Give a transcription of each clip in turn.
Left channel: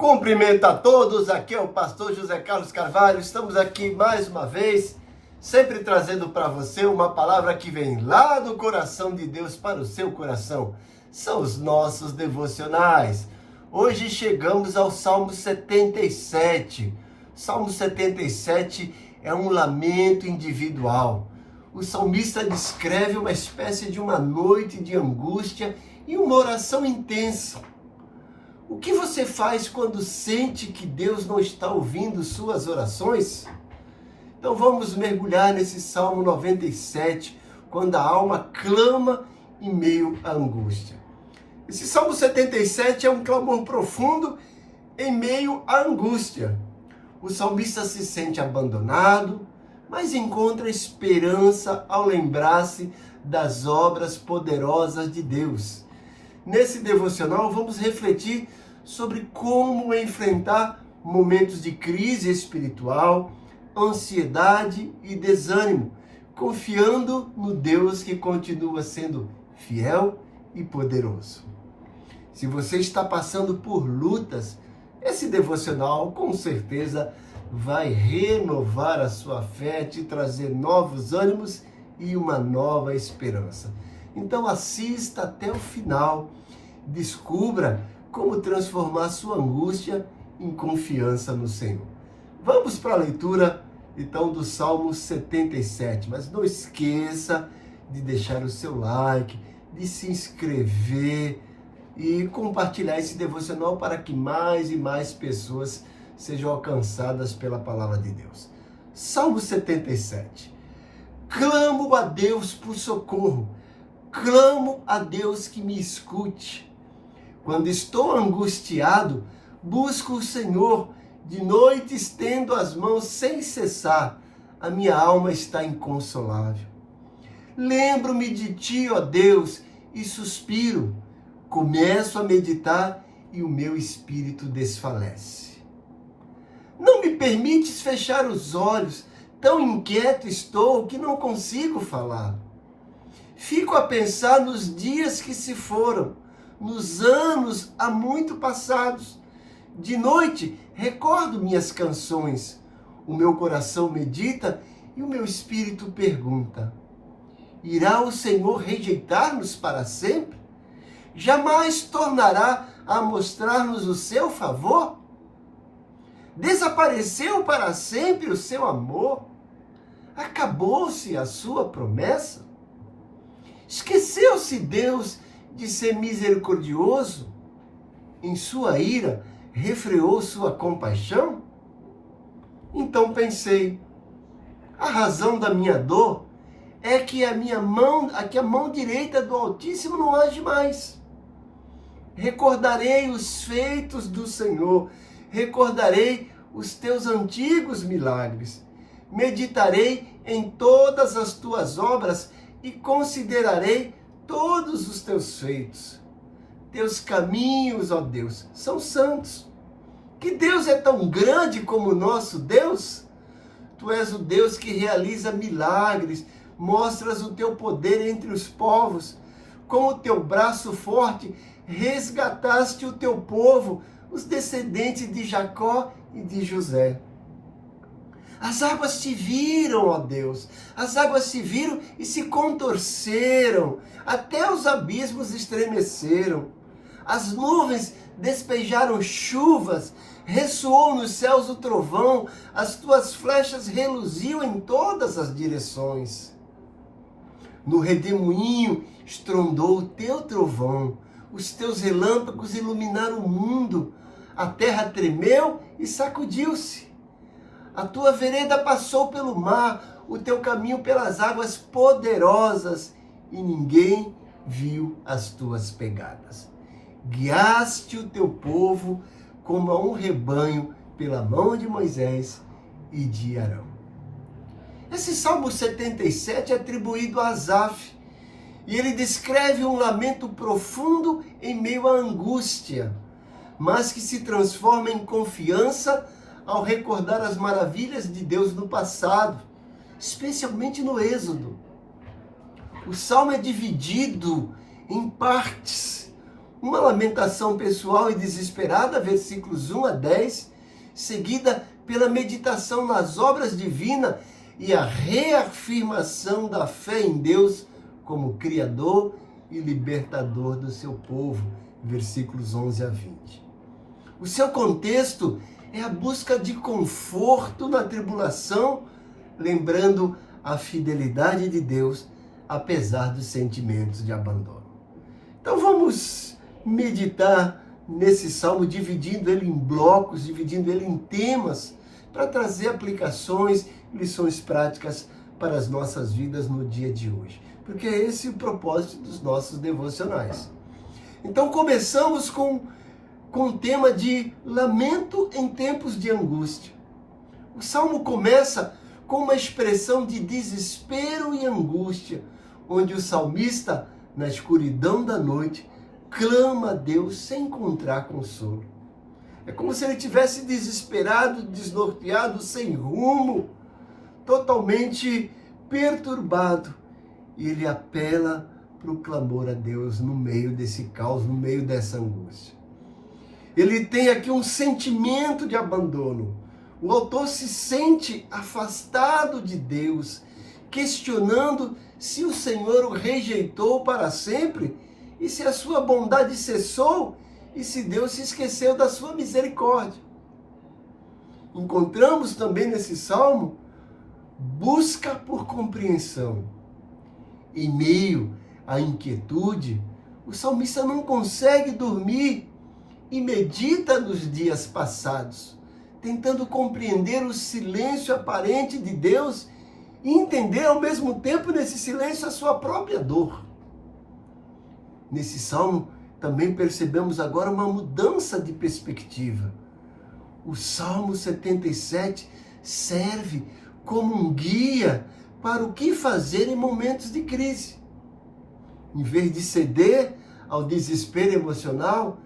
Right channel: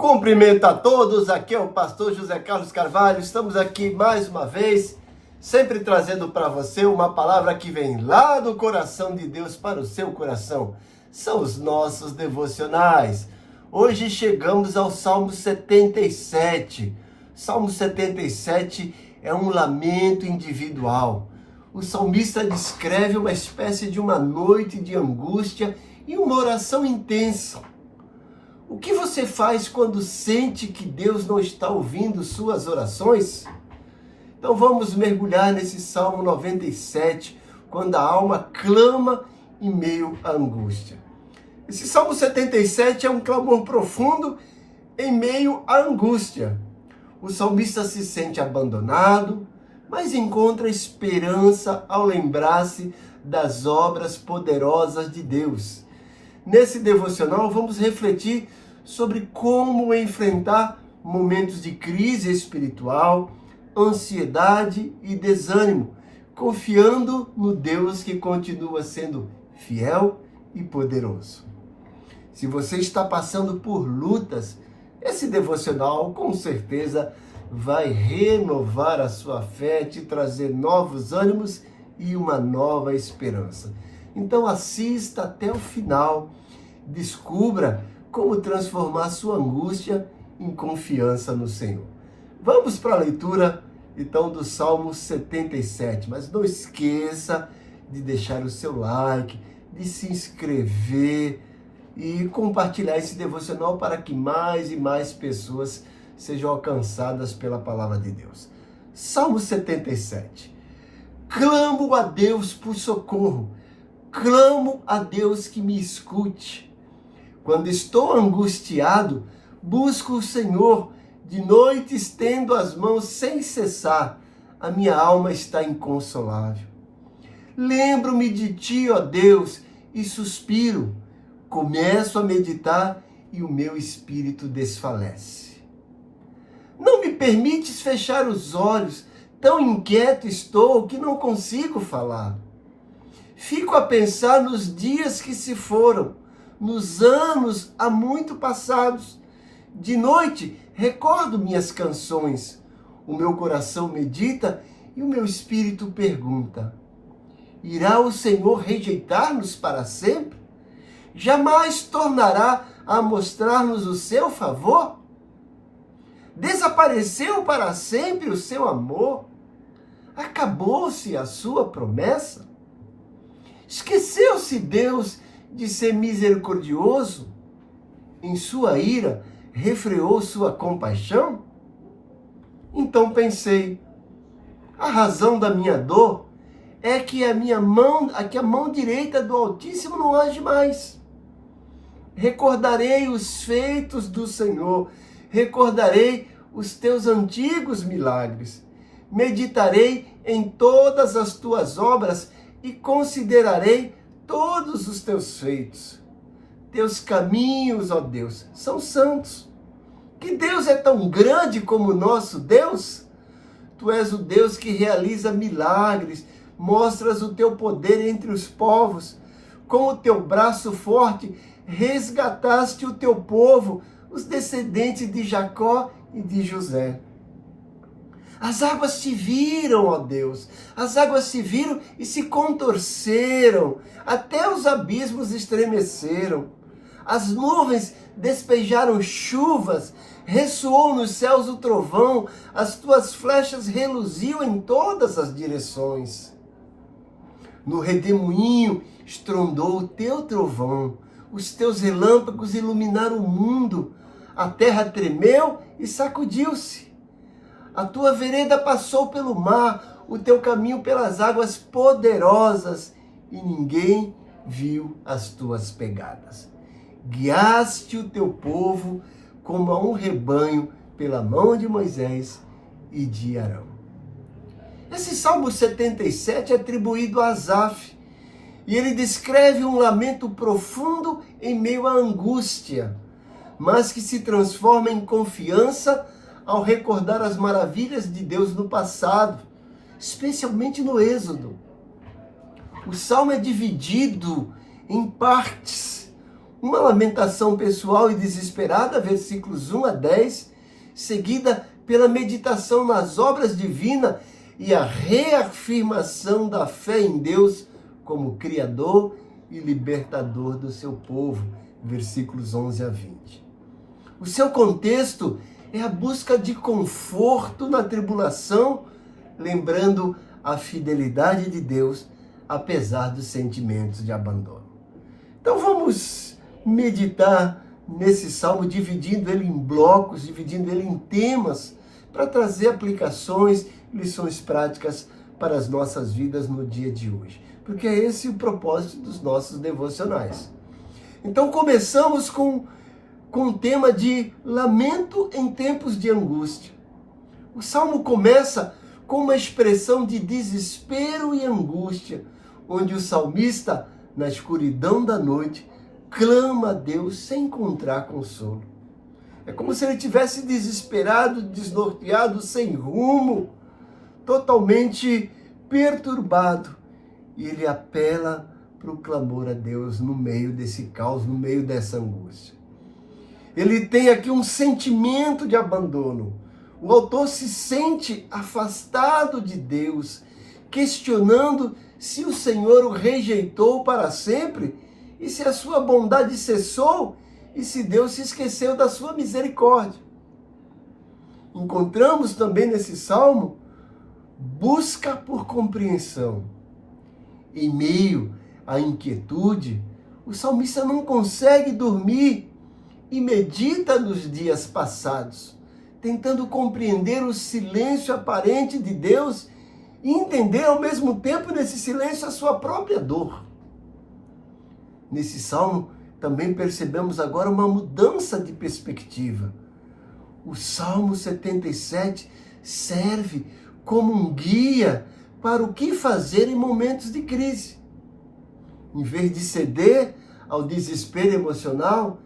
Cumprimento a todos, aqui é o pastor José Carlos Carvalho, estamos aqui mais uma vez, sempre trazendo para você uma palavra que vem lá do coração de Deus para o seu coração. São os nossos devocionais. Hoje chegamos ao Salmo 77. Salmo 77 é um lamento individual. O salmista descreve uma espécie de uma noite de angústia e uma oração intensa. O que você faz quando sente que Deus não está ouvindo suas orações? Então vamos mergulhar nesse Salmo 97, quando a alma clama em meio à angústia. Esse Salmo 77 é um clamor profundo em meio à angústia. O salmista se sente abandonado, mas encontra esperança ao lembrar-se das obras poderosas de Deus. Nesse devocional vamos refletir sobre como enfrentar momentos de crise espiritual, ansiedade e desânimo, confiando no Deus que continua sendo fiel e poderoso. Se você está passando por lutas, esse devocional com certeza vai renovar a sua fé, te trazer novos ânimos e uma nova esperança. Então assista até o final, descubra como transformar sua angústia em confiança no Senhor. Vamos para a leitura, então, do Salmo 77. Mas não esqueça de deixar o seu like, de se inscrever e compartilhar esse devocional para que mais e mais pessoas sejam alcançadas pela palavra de Deus. Salmo 77. Clamo a Deus por socorro. Clamo a Deus que me escute. Quando estou angustiado, busco o Senhor. De noite estendo as mãos sem cessar. A minha alma está inconsolável. Lembro-me de ti, ó Deus, e suspiro. Começo a meditar e o meu espírito desfalece. Não me permites fechar os olhos. Tão inquieto estou que não consigo falar. Fico a pensar nos dias que se foram, nos anos há muito passados. De noite recordo minhas canções. O meu coração medita e o meu espírito pergunta: irá o Senhor rejeitar-nos para sempre? Jamais tornará a mostrar-nos o seu favor? Desapareceu para sempre o seu amor? Acabou-se a sua promessa? Esqueceu-se Deus de ser misericordioso? Em sua ira, refreou sua compaixão? Então pensei, a razão da minha dor é que a mão direita do Altíssimo não age mais. Recordarei os feitos do Senhor, recordarei os teus antigos milagres, meditarei em todas as tuas obras e considerarei todos os teus feitos. Teus caminhos, ó Deus, são santos. Que Deus é tão grande como o nosso Deus? Tu és o Deus que realiza milagres, mostras o teu poder entre os povos. Com o teu braço forte, resgataste o teu povo, os descendentes de Jacó e de José. As águas te viram, ó Deus, as águas te viram e se contorceram, até os abismos estremeceram. As nuvens despejaram chuvas, ressoou nos céus o trovão, as tuas flechas reluziam em todas as direções. No redemoinho estrondou o teu trovão, os teus relâmpagos iluminaram o mundo, a terra tremeu e sacudiu-se. A tua vereda passou pelo mar, o teu caminho pelas águas poderosas, e ninguém viu as tuas pegadas. Guiaste o teu povo como a um rebanho pela mão de Moisés e de Arão. Esse Salmo 77 é atribuído a Asaf, e ele descreve um lamento profundo em meio à angústia, mas que se transforma em confiança ao recordar as maravilhas de Deus no passado, especialmente no Êxodo. O Salmo é dividido em partes. uma lamentação pessoal e desesperada, versículos 1 a 10, seguida pela meditação nas obras divinas e a reafirmação da fé em Deus como Criador e Libertador do seu povo, versículos 11 a 20. O seu contexto é a busca de conforto na tribulação, lembrando a fidelidade de Deus, apesar dos sentimentos de abandono. Então vamos meditar nesse salmo, dividindo ele em blocos, dividindo ele em temas, para trazer aplicações, lições práticas para as nossas vidas no dia de hoje. Porque é esse o propósito dos nossos devocionais. Então começamos com o tema de lamento em tempos de angústia. O salmo começa com uma expressão de desespero e angústia, onde o salmista, na escuridão da noite, clama a Deus sem encontrar consolo. É como se ele tivesse desesperado, desnorteado, sem rumo, totalmente perturbado. E ele apela para o clamor a Deus no meio desse caos, no meio dessa angústia. Ele tem aqui um sentimento de abandono. O autor se sente afastado de Deus, questionando se o Senhor o rejeitou para sempre e se a sua bondade cessou e se Deus se esqueceu da sua misericórdia. Encontramos também nesse salmo busca por compreensão. Em meio à inquietude, o salmista não consegue dormir e medita nos dias passados, tentando compreender o silêncio aparente de Deus e entender ao mesmo tempo nesse silêncio a sua própria dor. Nesse salmo também percebemos agora uma mudança de perspectiva. O Salmo 77 serve como um guia para o que fazer em momentos de crise. Em vez de ceder ao desespero emocional,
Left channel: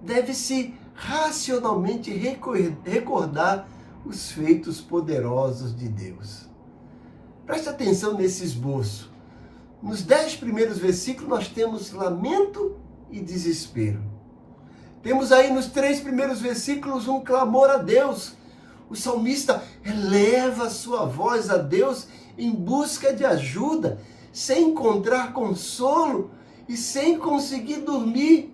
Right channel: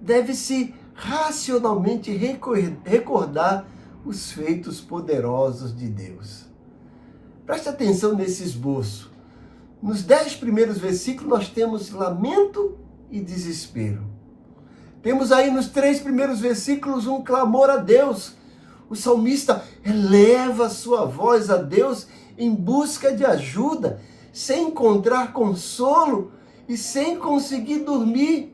deve-se racionalmente recordar os feitos poderosos de Deus. Preste atenção nesse esboço. Nos 10 primeiros versículos nós temos lamento e desespero. Temos aí nos 3 primeiros versículos um clamor a Deus. O salmista eleva sua voz a Deus em busca de ajuda, sem encontrar consolo e sem conseguir dormir,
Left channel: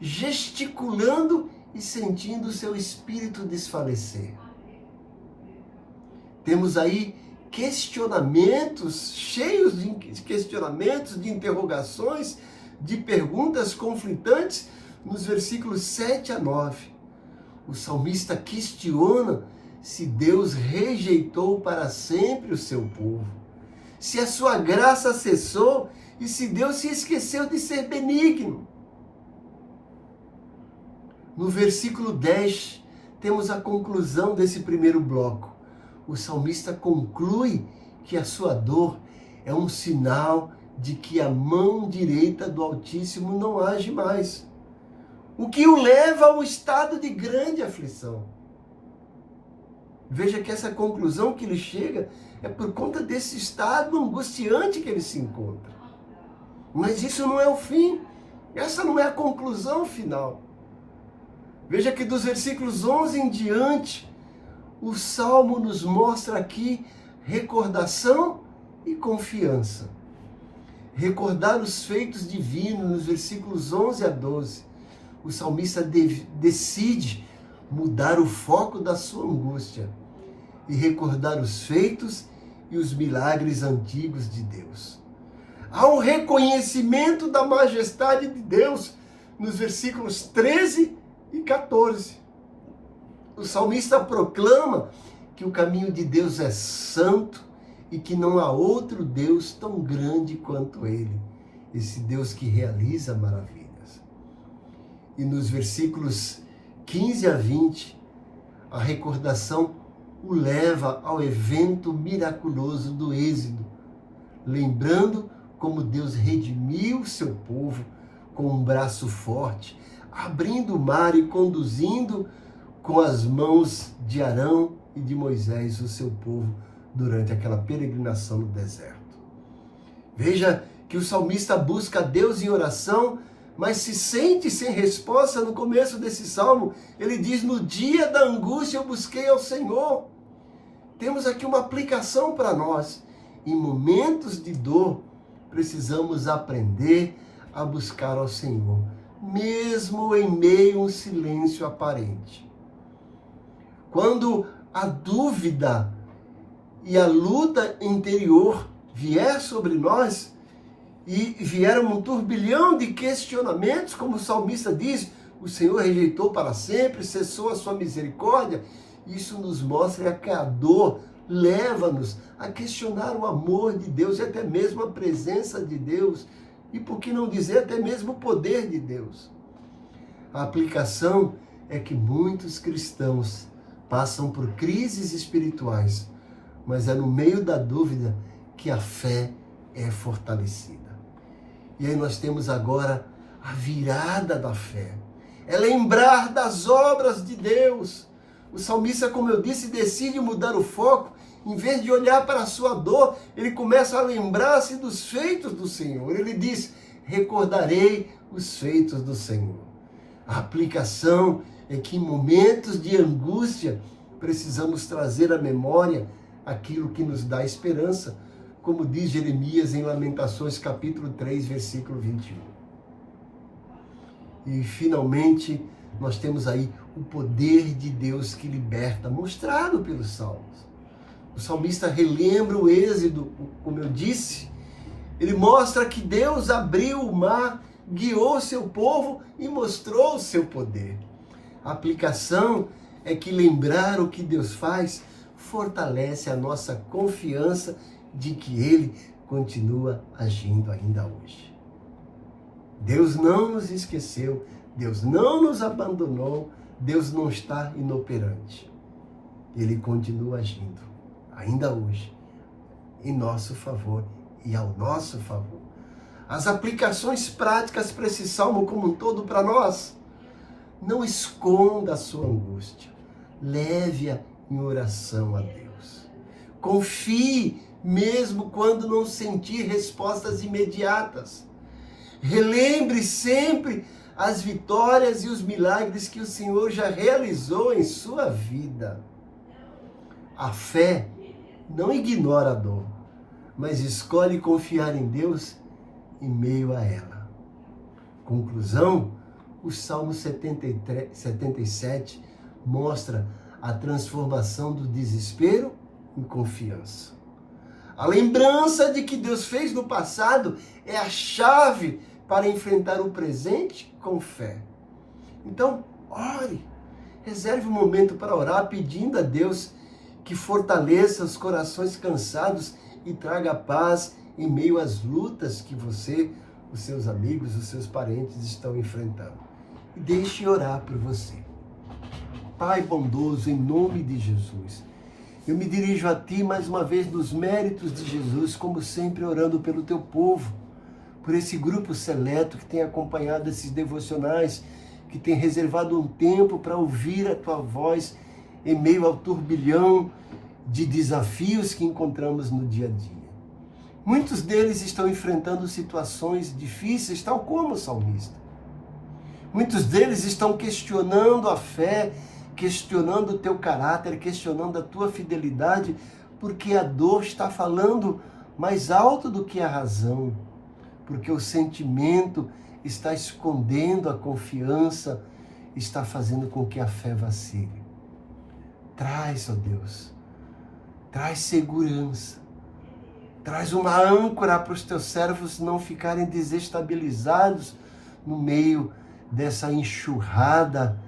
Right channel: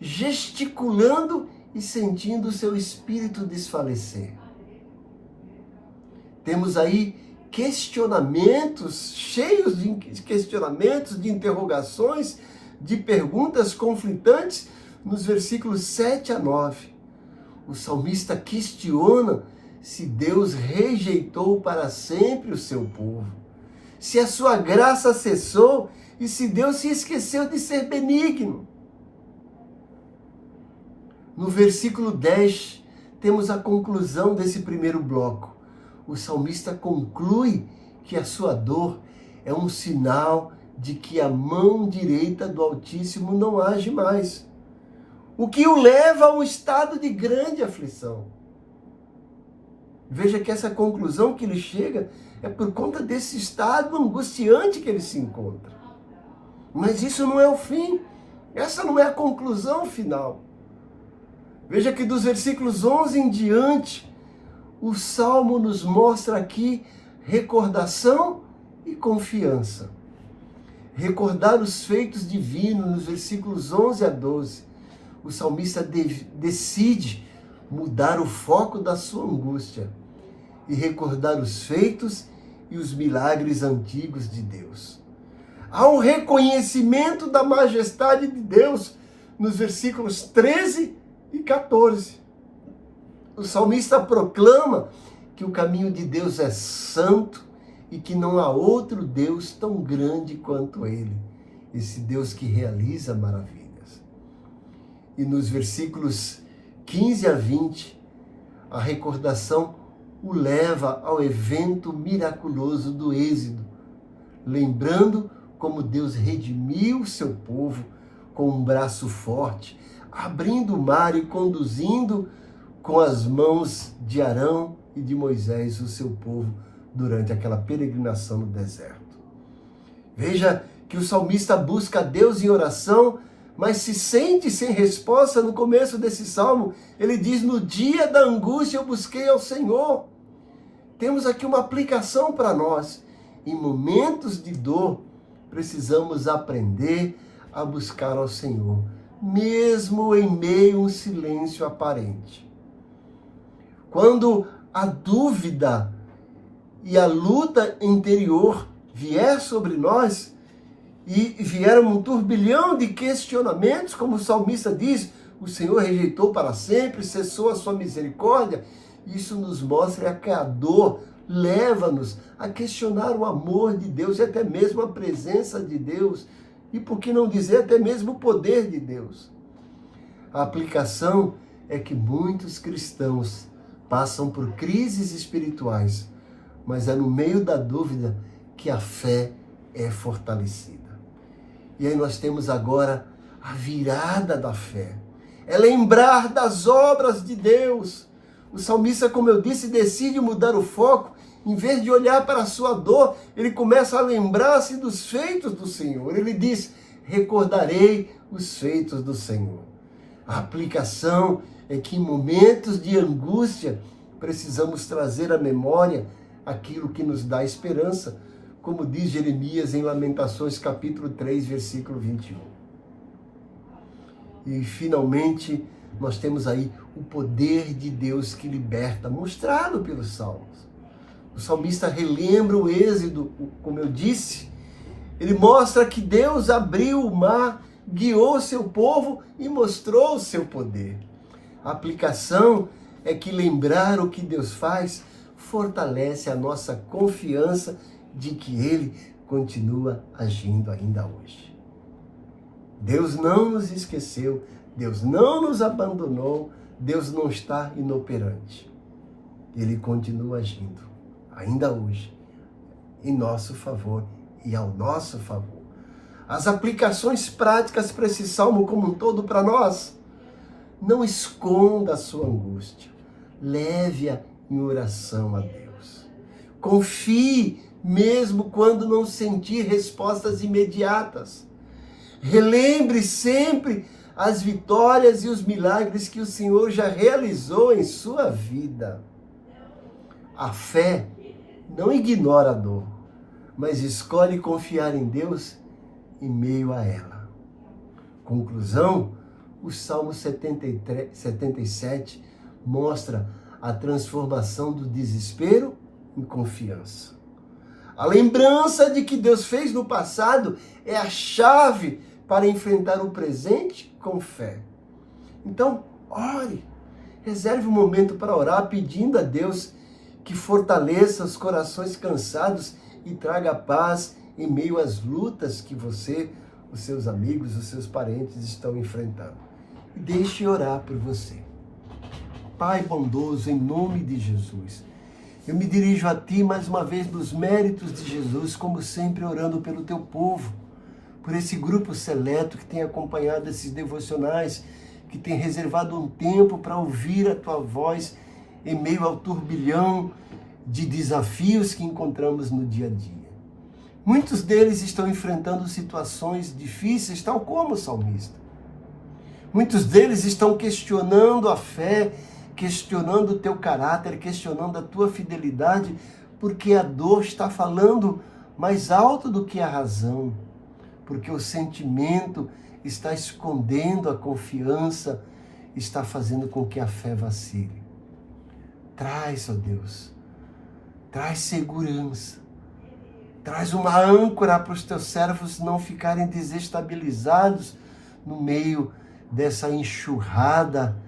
gesticulando e sentindo seu espírito desfalecer. Temos aí questionamentos, cheios de questionamentos, de interrogações, de perguntas conflitantes nos versículos 7 a 9. O salmista questiona se Deus rejeitou para sempre o seu povo, se a sua graça cessou e se Deus se esqueceu de ser benigno. No versículo 10, temos a conclusão desse primeiro bloco. O salmista conclui que a sua dor é um sinal de que a mão direita do Altíssimo não age mais, o que o leva a um estado de grande aflição. Veja que essa conclusão que ele chega é por conta desse estado angustiante que ele se encontra. Mas isso não é o fim, essa não é a conclusão final. Veja que dos versículos 11 em diante, o Salmo nos mostra aqui recordação e confiança. Recordar os feitos divinos nos versículos 11 a 12. O salmista decide mudar o foco da sua angústia e recordar os feitos e os milagres antigos de Deus. Há um reconhecimento da majestade de Deus nos versículos 13 e 14. O salmista proclama que o caminho de Deus é santo e que não há outro Deus tão grande quanto Ele, esse Deus que realiza maravilhas. E nos versículos 15 a 20, a recordação o leva ao evento miraculoso do Êxodo, lembrando como Deus redimiu seu povo com um braço forte, abrindo o mar e conduzindo com as mãos de Arão e de Moisés o seu povo durante aquela peregrinação no deserto. Veja que o salmista busca a Deus em oração mas se sente sem resposta. No começo desse salmo, ele diz: no dia da angústia eu busquei ao Senhor. Temos aqui uma aplicação para nós. Em momentos de dor, precisamos aprender a buscar ao Senhor, mesmo em meio a um silêncio aparente. Quando a dúvida e a luta interior vier sobre nós, e vier um turbilhão de questionamentos, como o salmista diz: o Senhor rejeitou para sempre, cessou a sua misericórdia. Isso nos mostra que a dor leva-nos a questionar o amor de Deus e até mesmo a presença de Deus. E por que não dizer até mesmo o poder de Deus? A aplicação é que muitos cristãos passam por crises espirituais, mas é no meio da dúvida que a fé é fortalecida. E aí nós temos agora a virada da fé. É lembrar das obras de Deus. O salmista, como eu disse, decide mudar o foco. Em vez de olhar para a sua dor, ele começa a lembrar-se dos feitos do Senhor. Ele diz: recordarei os feitos do Senhor. A aplicação é que em momentos de angústia, precisamos trazer à memória aquilo que nos dá esperança, como diz Jeremias em Lamentações, capítulo 3, versículo 21. E, finalmente, nós temos aí o poder de Deus que liberta, mostrado pelos salmos. O salmista relembra o êxodo, como eu disse. Ele mostra que Deus abriu o mar, guiou seu povo e mostrou o seu poder. A aplicação é que lembrar o que Deus faz fortalece a nossa confiança de que Ele continua agindo ainda hoje. Deus não nos esqueceu, Deus não nos abandonou, Deus não está inoperante. Ele continua agindo, ainda hoje, em nosso favor e ao nosso favor. As aplicações práticas para esse salmo como um todo para nós: não esconda a sua angústia, leve-a em oração a Deus. Confie mesmo quando não sentir respostas imediatas. Relembre sempre as vitórias e os milagres que o Senhor já realizou em sua vida. A fé não ignora a dor, mas escolhe confiar em Deus em meio a ela. Conclusão: o Salmo 77 mostra a transformação do desespero em confiança. A lembrança de que Deus fez no passado é a chave para enfrentar o presente com fé. Então, ore. Reserve um momento para orar, pedindo a Deus que fortaleça os corações cansados e traga paz em meio às lutas que você, os seus amigos, os seus parentes estão enfrentando. E deixe orar por você. Pai bondoso, em nome de Jesus, eu me dirijo a Ti mais uma vez nos méritos de Jesus, como sempre orando pelo Teu povo, por esse grupo seleto que tem acompanhado esses devocionais, que tem reservado um tempo para ouvir a Tua voz em meio ao turbilhão de desafios que encontramos no dia a dia. Muitos deles estão enfrentando situações difíceis, tal como o salmista. Muitos deles estão questionando a fé, questionando o teu caráter, questionando a tua fidelidade, porque a dor está falando mais alto do que a razão, porque o sentimento está escondendo a confiança, está fazendo com que a fé vacile. Traz, ó Deus, traz segurança, traz uma âncora para os teus servos não ficarem desestabilizados no meio dessa enxurrada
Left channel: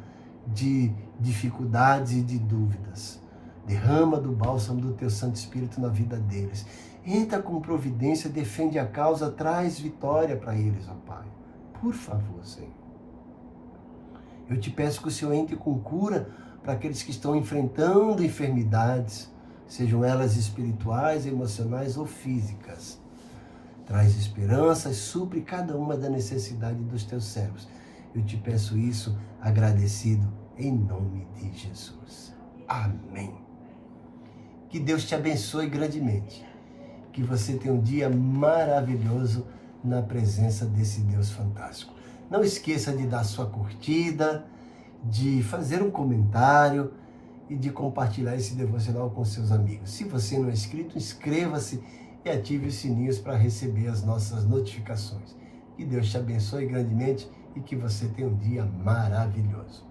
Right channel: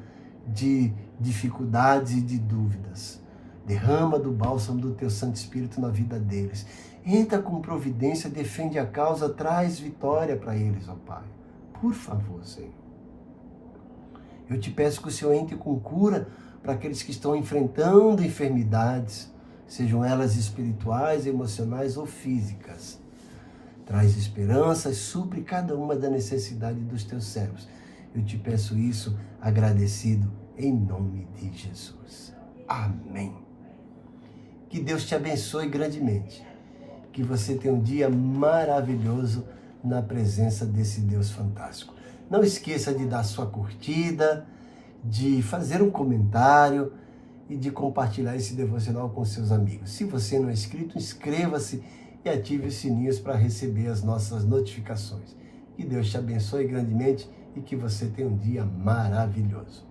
de dificuldades e de dúvidas. Derrama do bálsamo do teu Santo Espírito na vida deles. Entra com providência, defende a causa, traz vitória para eles, ó Pai. Por favor, Senhor. Eu te peço que o Senhor entre com cura para aqueles que estão enfrentando enfermidades, sejam elas espirituais, emocionais ou físicas. Traz esperança e supre cada uma da necessidade dos teus servos. Eu te peço isso agradecido em nome de Jesus. Amém. Que Deus te abençoe grandemente. Que você tenha um dia maravilhoso na presença desse Deus fantástico. Não esqueça de dar sua curtida, de fazer um comentário e de compartilhar esse devocional com seus amigos. Se você não é inscrito, inscreva-se e ative os sininhos para receber as nossas notificações. Que Deus te abençoe grandemente e que você tenha um dia maravilhoso.